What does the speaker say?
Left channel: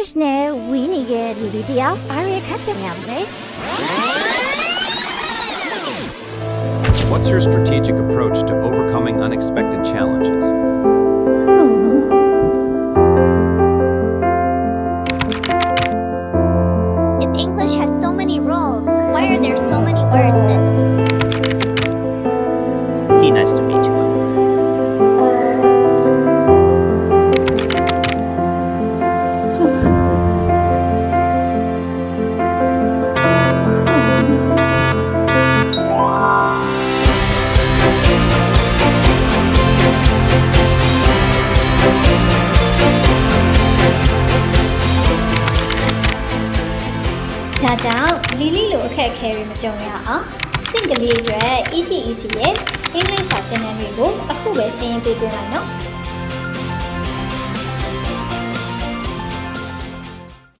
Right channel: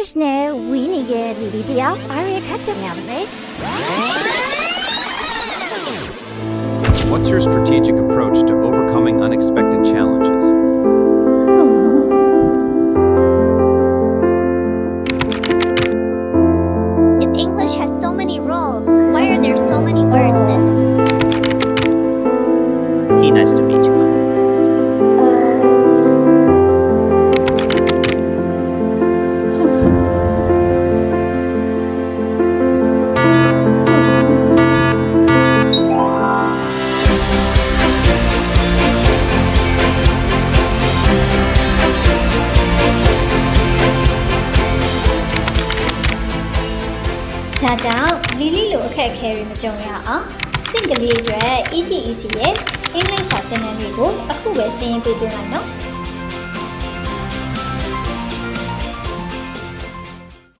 English နဲ့ဝီးနေတဲ့လူတွေတယောက်ဘာတွေခက်ကြများမလဲ What's your strategic approach to overcoming unexpected challenges? If English has so many rules, why are there so many words that He nice to meet you. ။ဒါကြောင့်လီလီလိုအခက်အခဲတွေမကြုံရအောင်သင်ကလေးအတွက် EGEC ရဲ့အင်္ဂလိပ်စာသင်တန်းတွေကိုအခုပဲစီးရင်ပေးသွင်းလိုက်နော်။